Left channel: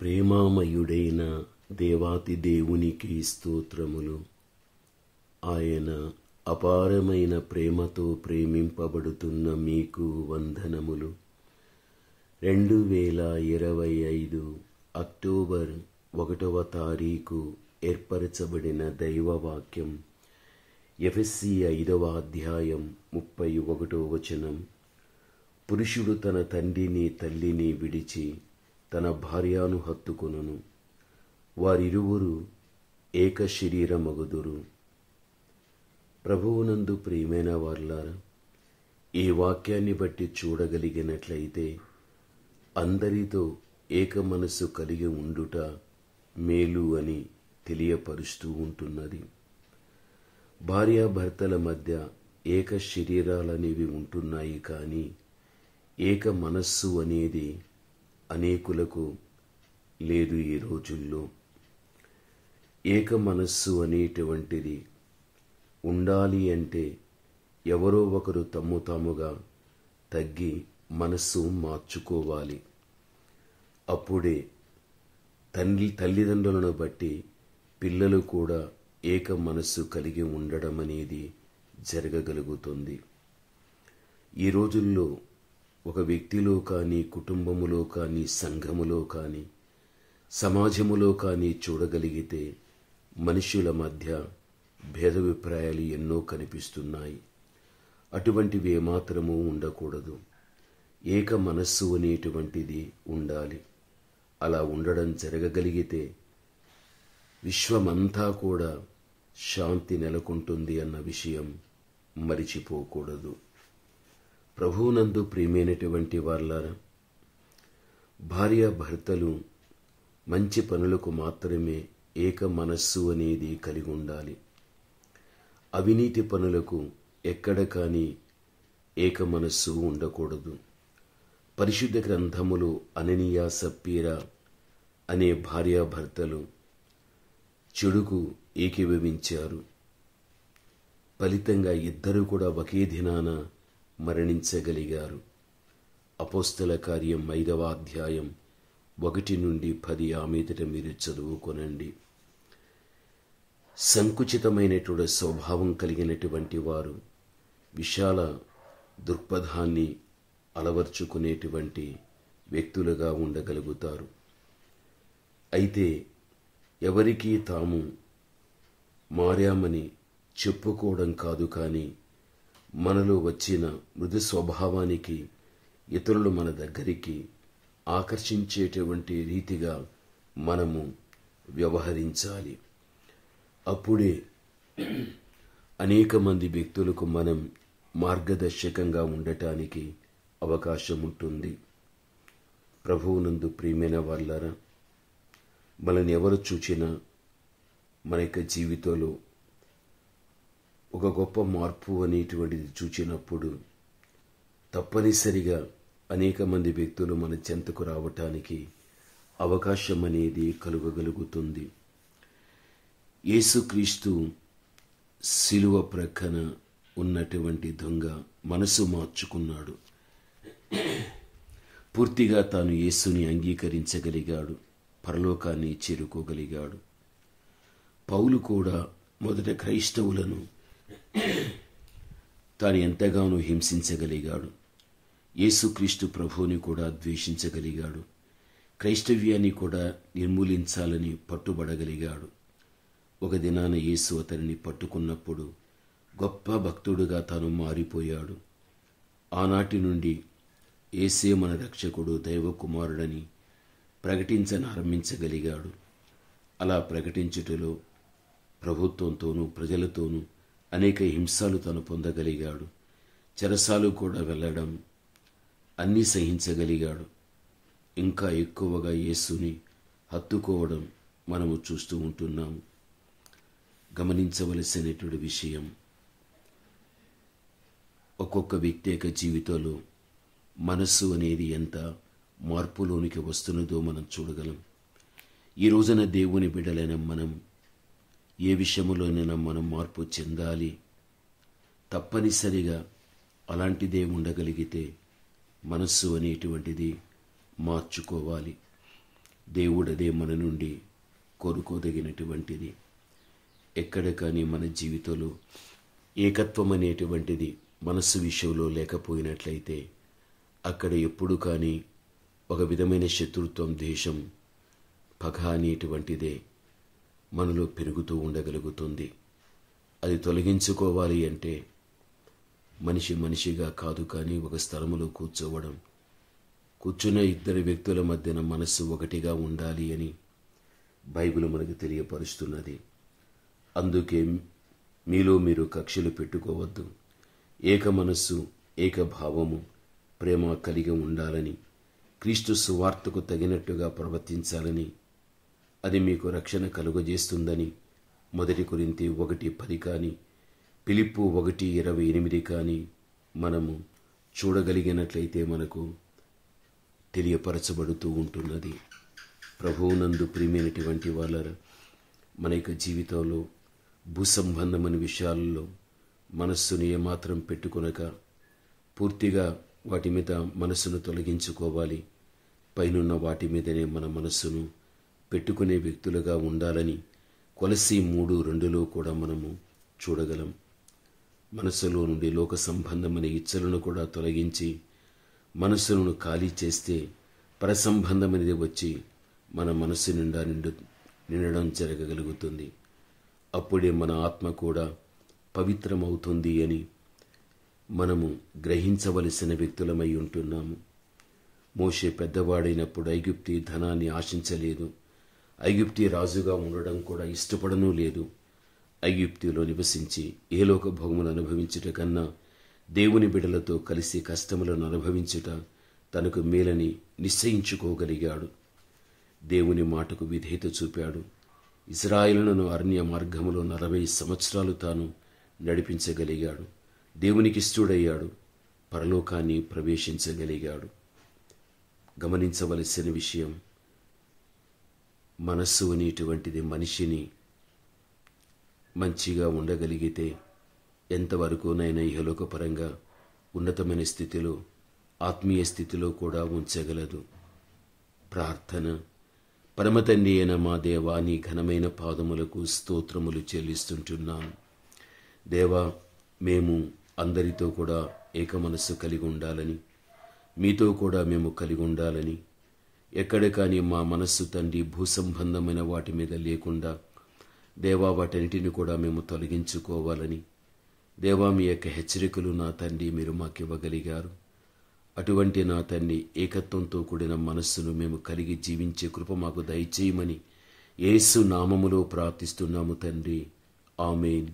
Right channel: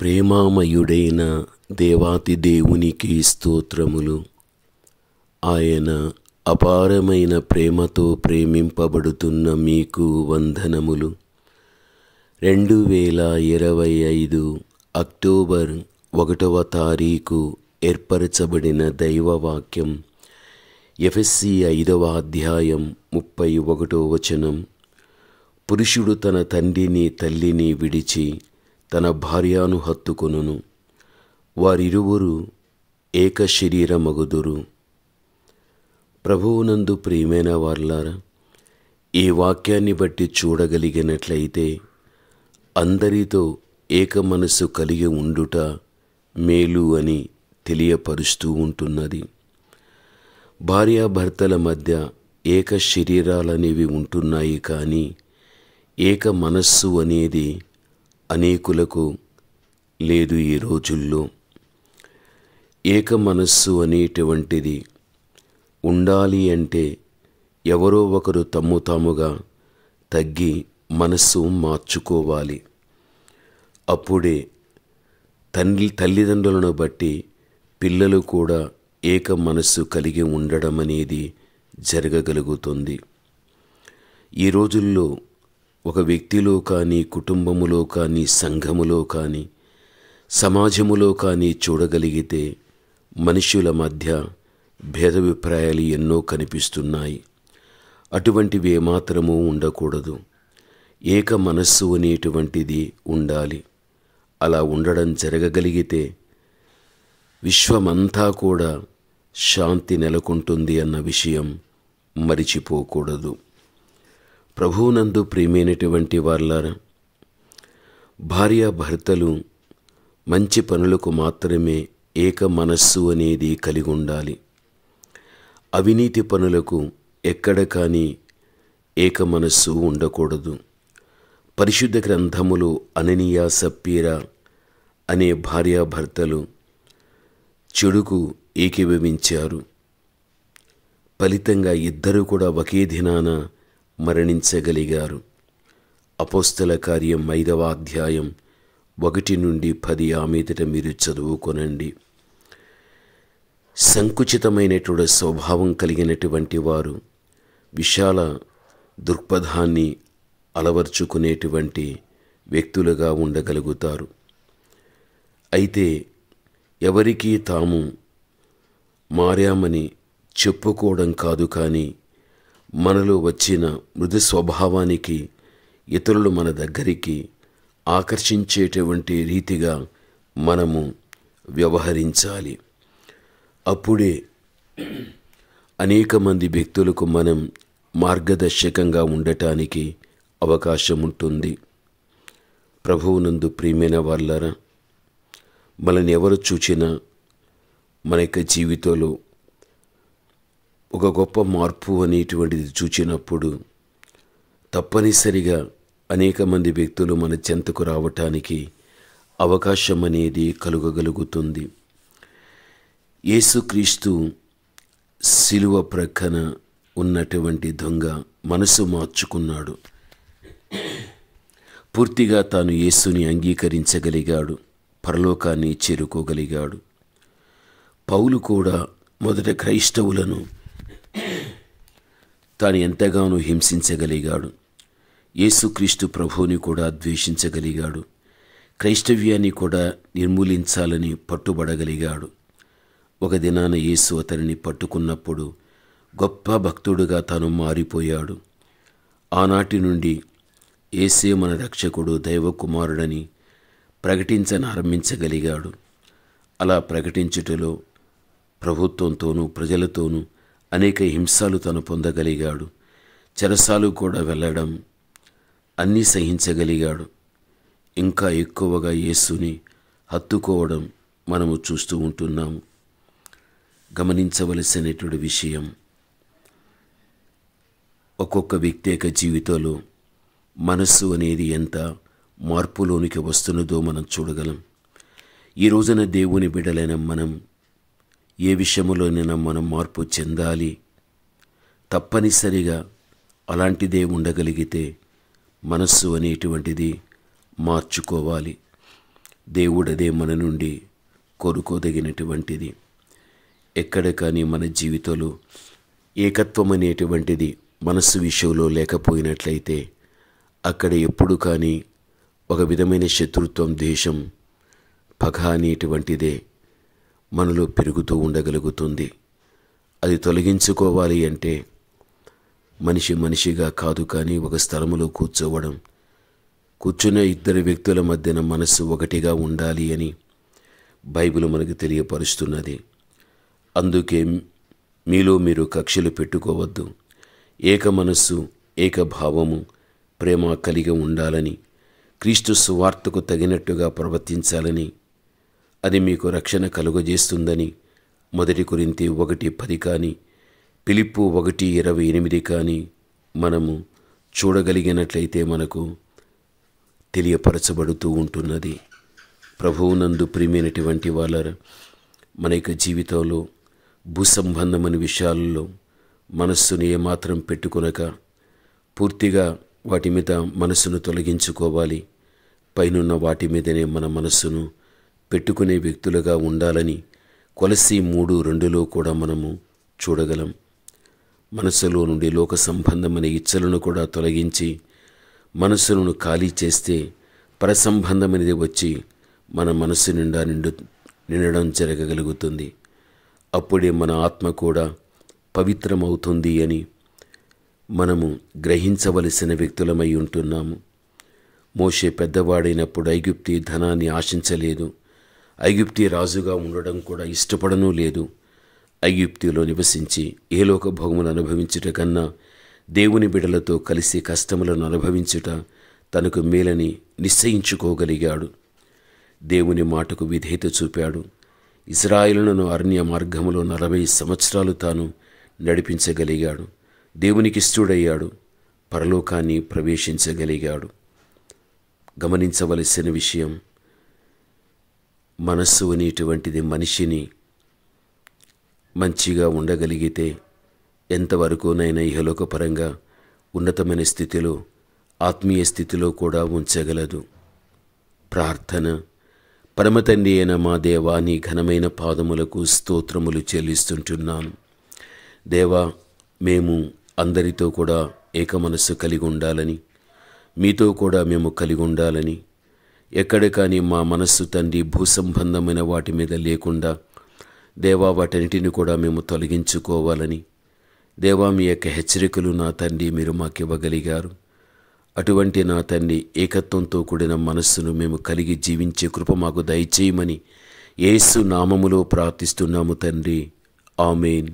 ప్రేమామయుడైన దేవాతి దేవునికి స్తోత్రములు. ఆయన అపారమైన ప్రేమతో ప్రేమింపబడుతున్న మీకు వందనములు. 2025 అక్టోబర్ 1వ తారీఖు ఏర్పరచబడిన దైవవాక్యం ఎఫెసీ 5వ అధ్యాయం 31వ వచనం. పురుషుడు తన తండ్రిని తల్లిని విడిచి తన భార్యను హత్తుకొనును, వారిరువురు ఏక శరీరమగుదురు. ప్రభువునందు ప్రియమైన వారలారా, ఈ వాక్యాన్ని బట్టి చూడగలిగినట్లయితే అందరితో ఏక మనసు కలిగి ఉండుట మేలు అని తెలియపరుస్తూ ఉంటున్నది. భార్యాభర్తల మధ్య ఏక శరీరాలనేవి ఉంటున్నాయి, కానీ ఏక మనస్సు అనేది అనేకులకు లేదు. ఈ రోజుల్లో ఏక మనస్సు అనేటువంటిది ఉండాలి అంటే ఎవరో ఒకరు తమ్ము తాముగా తగ్గి మనస్సు మార్చుకోవాలి. అప్పుడే తల్లిదండ్రులను బట్టి పిల్లలు కూడా ఏక మనస్సు కలిగి ఉండడం అనేది జరగగలుగుతుంది. ఈ రోజుల్లో ఒక వ్యక్తిలో కానీ, కుటుంబములో కానీ, సంఘములో కానీ, సమాజములో కానీ చూడగలిగితే మనుషుల మధ్య భేదాభిప్రాయాలు ఎన్నో కనిపిస్తున్నాయి. అటువంటివి ఏమాత్రమూ ఉండకూడదు. ఏక మనస్సు అనేటువంటిది ఉండాలి. అలా ఉండడం జరగగలిగితే విశ్వమంతా కూడా శాంతి నెలకొంటుంది అన్న విషయం మరిచిపోకూడదు. ప్రభువునందు ప్రియమైనటువంటి వారలారా, భార్యాభర్తలు మంచి పనులకు మాత్రమే ఏక మనస్సు అనేది కలిగి ఉండాలి. అవినీతి పనులకు ఎక్కడ కానీ ఏక మనస్సు ఉండకూడదు. పరిశుద్ధ గ్రంథములో అననీయ సప్పీరా అనే భార్యాభర్తలు చెడుకు ఏకీభవించారు. ఫలితంగా ఇద్దరు కూడా ఒకే దినాన మరణించగలిగారు. అపోస్తల కార్యం 5వ అధ్యాయం 1 నుండి 10 ఆ మీదట మీరు చదువుకొనండి. సంకుచితమైనటువంటి స్వభావం కలిగినటువంటి వారు విశాల దృక్పథాన్ని అలవర్చుకునేటువంటి వ్యక్తులుగా ఉండగలుగుతారు. అయితే ఎవరికీ తాము మారామని చెప్పుకోవడం కాదు, కానీ మనలో వచ్చిన మృదు స్వభావానికి ఇతరులు మన దగ్గరికి ఆకర్షించేటువంటి రీతిగా మనము వ్యవహరించాలి. అప్పుడే అనేక మంది వ్యక్తులకు మనం మార్గదర్శకంగా ఉండటానికి అవకాశం ఉంటుంది. ప్రభువునందు ప్రియమైన వారలారా, మనల్ని ఎవరు చూచినా మన యొక్క జీవితంలో ఒక గొప్ప మార్పు అనేటువంటిది చూచినప్పుడు తప్పనిసరిగా అనేక మంది వ్యక్తులు మన చెంతకు రావటానికి అవకాశం అనేది కలుగగలుగుతుంది. యేసుక్రీస్తు శిలువ ప్రక్కన ఉన్నటువంటి దొంగ మనసు మార్చుకున్నాడు. పూర్తిగా తాను యేసుని అంగీకరించగలిగాడు, పరలోకాన్ని చేరుకోగలిగాడు. పౌలు కూడా మొదట క్రైస్తవులను తాను ఎంతగానో హింసించగలిగాడు. యేసుక్రీస్తు ప్రభువుని కూడా ద్వేషించగలిగాడు. క్రైస్తవ్యాన్ని కూడా నిర్మూలించాలని పట్టుబడగలిగాడు. ఒక దినాన యేసు అతనిని పట్టుకున్నప్పుడు గొప్ప భక్తుడుగా తాను మారిపోయాడు. ఆనాటి నుండి యేసే మన రక్షకుడు, దైవ కుమారుడని ప్రకటించనారంభించగలిగాడు. అలా ప్రకటించుటలో ప్రభుత్వంతోనూ ప్రజలతోనూ అనేక హింసలు తను పొందగలిగాడు. చెరసాలు కూడా వెళ్ళడం అన్నీ సహించగలిగాడు. ఇంకా ఎక్కువగా యేసుని హత్తుకోవడం మనము చూస్తూ ఉంటున్నాము. గమనించవలసినటువంటి విషయం, ఒక్కొక్క వ్యక్తి యొక్క జీవితంలో మనస్సు అనేది ఎంత మార్పులోనికి వస్తున్నదో మనం చూడగలం. ఈ రోజున దేవుని బిడ్డలైన మనం ఏ విషయంలోనైనా మనం మార్పు చెందాలి. తప్పనిసరిగా అలాంటిదే ఉండగలిగితే మనస్సు అనేటువంటిది మార్చుకోవాలి. దేవుడదే మన నుండి కోరుకోదగినటువంటిది. ఎక్కడ కానీ మన జీవితంలో ఏకత్వం అనేటువంటిది మనస్సు విషయంలో లేకపోయినట్లయితే అక్కడ ఎప్పుడు కానీ ఒక విధమైన శత్రుత్వం, ద్వేషం, పగ అనేటువంటిదే మనలో పెరుగుతూ ఉండగలుగుతుంది. అది తొలగించుకోవాలి అంటే మనిషిగా కాదు, కానీ ఒక స్థలములో కూర్చున్న ఇద్దరు వ్యక్తుల మధ్యన మనస్సు ఒకటిగా ఉండాలి అని బైబిల్ మనకు తెలియపరుస్తున్నది. అందుకే మీలో మీరు కక్షలు పెట్టుకోవద్దు, ఏక మనస్సు, ఏక భావము, ప్రేమ కలిగి ఉండాలని, క్రీస్తు సువార్తకు తగినట్టుగా ప్రవర్తించాలని, అది మీకు రక్షణ కలుగజేస్తుందని 1 కొరింథీ 1:10 కానీ ఫిలిప్పీ 1:28 కానీ మనము చూడగలిగినట్లయితే మనకు తెలియపరచబడుతూ ఉంటున్నది. ప్రభువునందు ప్రియమైనటువంటి వాళ్ళ మన యొక్క జీవితంలో భూసంబంధమైన విషయాలలో మనస్సును ఏమాత్రం పెట్టుకొనక పూర్తిగా వాటి మీద మనస్సును తొలగించుకోవాలి. పైనున్న వాటి మీదనే మన మనస్సును పెట్టుకునే వ్యక్తులుగా ఉండాలని కొలస్సీ 3:2లో కూడా మనము చూడగలం. మనస్సులో నుండి లోక సంబంధమైన ఇచ్చలను కూడా తొలగించి మనస్సును ఖాళీ చేస్తే పరసంబంధమైనది వచ్చి మన మనస్సు నిండా నిండడం జరగగలుగుతుంది. అప్పుడే మన ఆత్మ కూడా పవిత్రమవుతుంది అని మనము గ్రహించవలసిన వ్యక్తులమై ఉంటున్నాము. మోషే పెద్దవాడైనప్పుడు ఐగుప్తీ ధనాన్ని ఆశించలేదు, ఐగుప్తీ రాజుగా ఉండడం కూడా ఇష్టపడనూ లేదు. ఐగుప్తిలో నివసించి ఏలోక భోగములు అనుభవించుట కన్నా దేవుని బిడలతో కలిసి కష్టములను అనుభవించుట తనకు మేలని నిశ్చయించుకోగలిగాడు. దేవుని మాటకు విధేయత చూపాడు. ఇశ్రాయేలును అరణ్య మార్గములో 40 సంవత్సరాలు తాను నడిపించగలిగాడు. దేవునికి ఇష్టడయ్యాడు, పరలోకాన్ని ప్రవేశించగలిగాడు. గమనించవలసిన విషయం, మనస్సు అనేటువంటిది మనిషిని మంచిగా ఉండగలిగితే ఎంతవరకునైనా ఇహలోకపరంగా ఉన్నతమైన స్థితిలో, ఆత్మీయ స్థితిలో కూడా ఉంచగలదు. ప్రార్థన. పరమతండ్రి అయిన మా దేవా, నీ ఘనమైన పాదములకు స్తోత్రములు చెల్లిస్తుంటున్నాను. దేవా, మేము అందరితో కూడా ఏక మనస్సు కలిగి ఉండాలని, మీతో కూడా మేము కలిగి ఉండాలని, ఎక్కడ కానీ మా మనస్సు తండ్రి భూసంబంధమైన వాటి మీద లేకుండా దేవా వాటన్నిటిని కూడా మేము తొలగించుకోవాలని దేవా మీ యొక్క హెచ్చరికలు నా తండ్రి మీరు మాకివ్వగలిగారు. అటువంటి నా తండ్రి ఏకత్వంతో కూడిన మనస్సును మేము కలిగి జీవించే కృప మాకు దయచేయమని యేసు నామములో ప్రార్థిస్తున్నాము తండ్రి. ఆమేన్.